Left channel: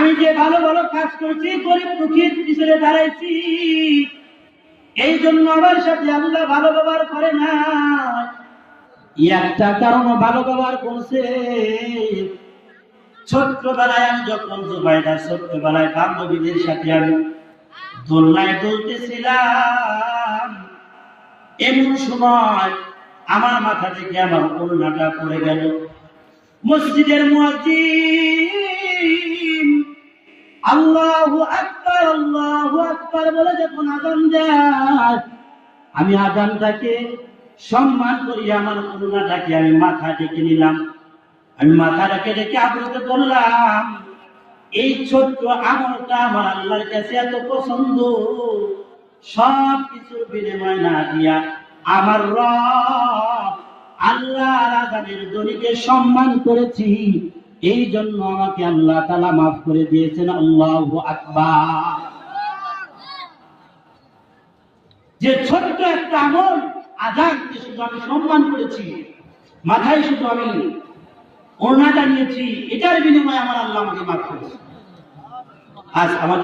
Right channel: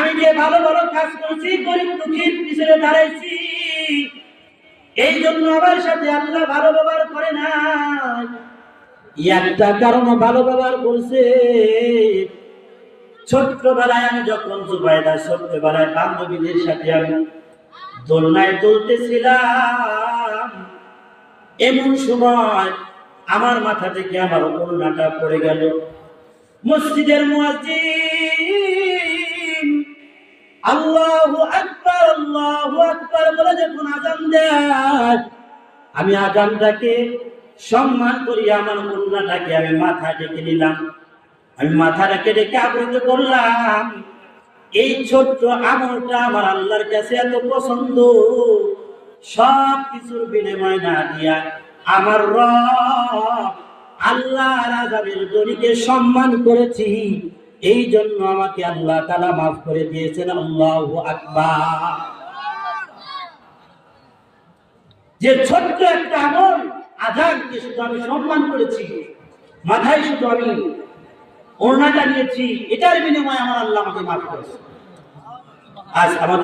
আমি যে ভালো ভালো কাজ করেছি, গরিব দুঃখীর পিছনে দাঁড়াইছি, এই জন্য আমার সাথে আল্লাহ ভালো ব্যবহার করে না। একটা কারণ ভালো ব্যবহার করছে। ছোট্টবেলায় আমি যখন জুবাইদা ছোট্টবেলায় বান্ধবীদের সাথে আমি দোলনায় দুলতেছিলাম, এমন সময় আমার মাথা থেকে আমার ওড়নাটা পড়ে গেল। মসজিদের মুয়াজ্জিন আল্লাহু আকবার বলে যখন আযান দেয়, আমি আযানটাকে সম্মান করি, আমার ওড়নাটাকে আমি মাথা ঢেকে নিলাম। আমি মাথা রেখে আবৃত করলাম। এই ছোট্ট আমলটা আমার আল্লাহর কাছে এত পছন্দ, সব কিছুর বিনিময় না দিয়া আমার রব আল্লাহর আযানের ধ্বনিকে সম্মান করেছি, এই জন্য আমাকে আল্লাহ তাআলা মাফ করে দিয়েছেন। আল্লাহু আকবার। যে ছোট্ট একটা আমল, আযানকে শুধু আমি সম্মান করেছি, মাথায় শুধু আমি ওড়নাটা নিয়েছি, এটার বিনিময়ে আমার আল্লাহ আমাকে মাফ করেছে। আজ আমাদের